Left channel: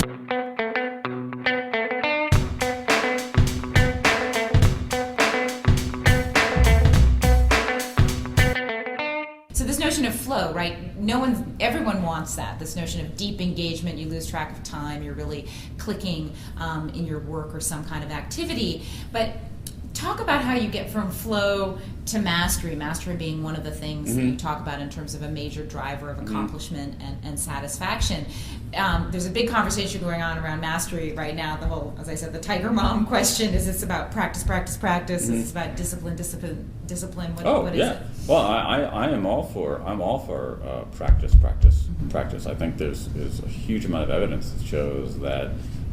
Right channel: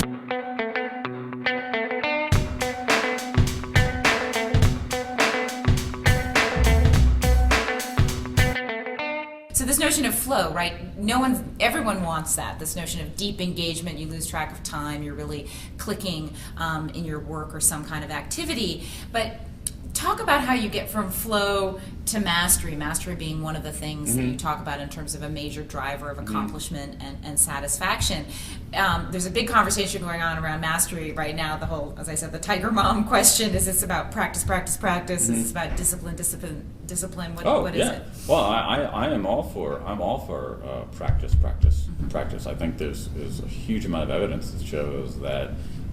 So this notion of flow, right? Everyone wants that. This notion of deep engagement, you lose track of time, you're really clicking in your work or some kind of activity. But talk about how you get from flow to mastery, mastery being one of the things that you talk about in terms of a major driver of accomplishment and satisfaction. There's a big conversation going on around mastery right now. The whole, as I said, the Tiger Mom question, is this about practice, practice, practice? Is this about discipline, discipline, discipline? What is it? Well, I'm all for practice, practice, practice. I think there's a huge amount of evidence that shows that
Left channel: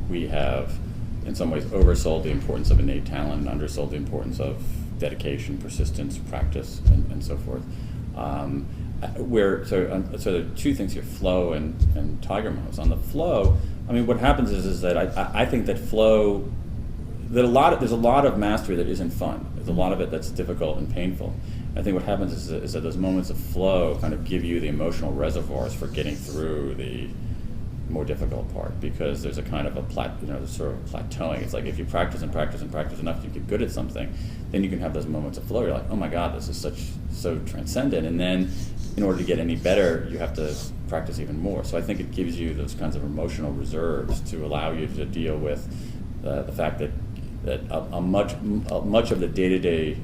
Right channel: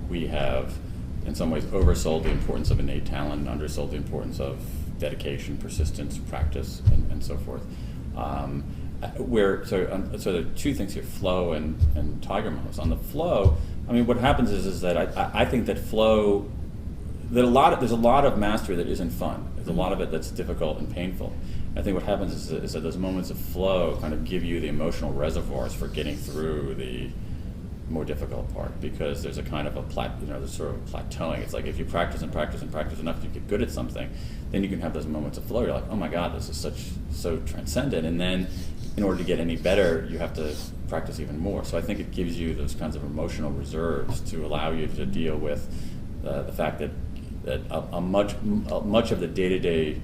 we have, in some ways, oversold the importance of innate talent and undersold the importance of dedication, persistence, practice, and so forth. So there are two things here: flow and Tiger Moms. On the flow, I mean, what happens is that I think that flow, there's a lot of mastery that isn't fun. There's a lot of it that's difficult and painful. I think what happens is that those moments of flow kind of give you the emotional reservoirs for getting through the more difficult part, because there's a kind of there's sort of plateauing. It's like if you practice and practice and practice enough, you get good at something, then you can have those moments of flow. You're like, oh my God, this is so transcendent. And then in order to get any better, you have to practice even more. So I think it gives you those kinds of emotional reserves to allow you to deal with the fact that much of the day-to-day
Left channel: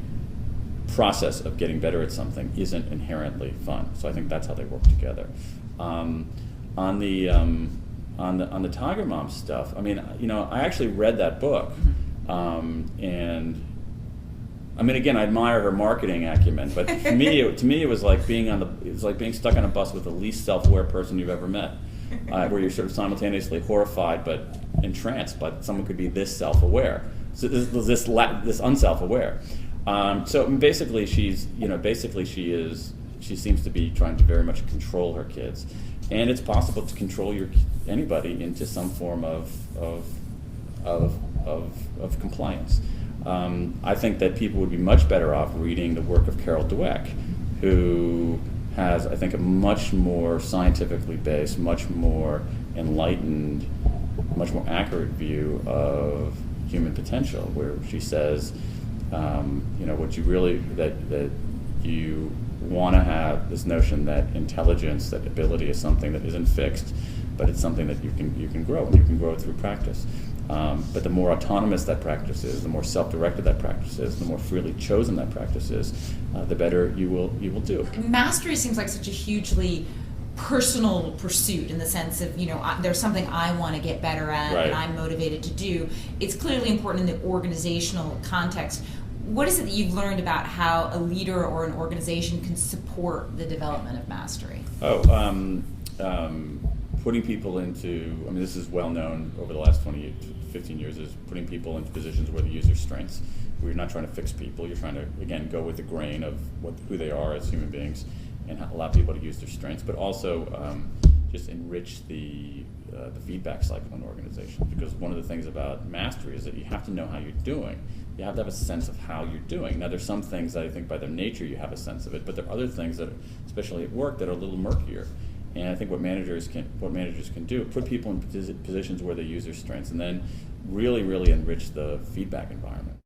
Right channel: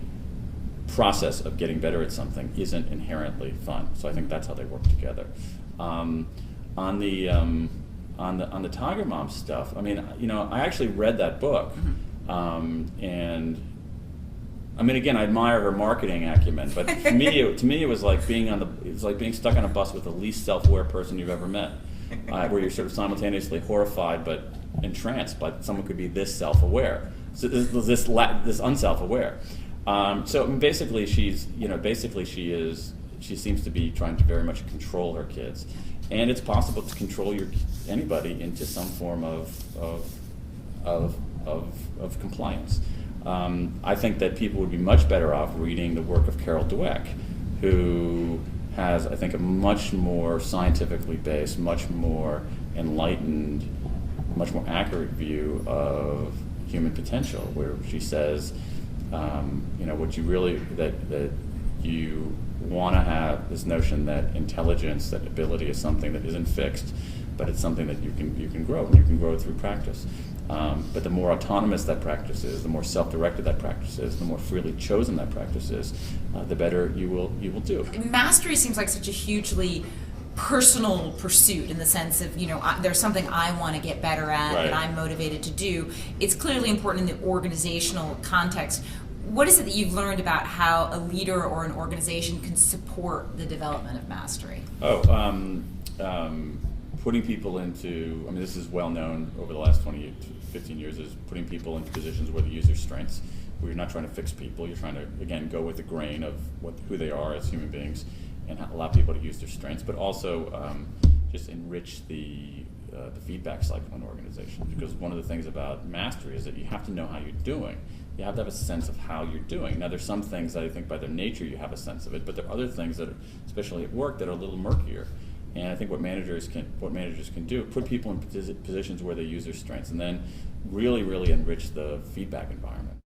process of getting better at something isn't inherently fun. So I think that's how they work together. On the Tiger Mom stuff, I mean, I actually read that book, and I mean, again, I admire her marketing acumen, but to me, it was like being stuck on a bus with the least self-aware person you've ever met, where you're sort of simultaneously horrified but entranced by someone could be this self-aware, so this unself-aware. So basically, she seems to be trying to very much control her kids. And it's possible to control anybody into some form of compliance. I think that people would be much better off reading the work of Carol Dweck, who has, I think, a much more scientifically based, much more enlightened, much more accurate view of human potential, where she says, what you really that you want to have this notion that intelligence, that ability is something that isn't fixed, but it's something that you can grow, and you can grow through practice. But the more autonomous that practice is, the more self-directed that practice is, the more freely chosen that practice is, the better you will do. Mastery seems like such a hugely personal pursuit, in the sense of, there's something I want to get better at, Right. and I'm motivated to do. It's clearly important in the organizational context. What is it that you've learned about how a leader or an organization can support the development of mastery? Putting people into, I mean, this is well known over the last 15 years, is putting people into positions where they use their strengths, where you're not trying to fix people, you're trying to, again, go with the grain of who they are as human beings, and allow people to use their strengths, but also just enrich the feedback cycle in organizations. Because one of the things about mastery is that you have to know how you're doing. You have to have a sense of how you're doing. Now, there's some things that I think by their nature you have a sense of it, but there are other things that, especially at work, that are a little murkier. And I think what managers can do, put people in positions where they use their strengths, and then really, really enrich the feedback environment.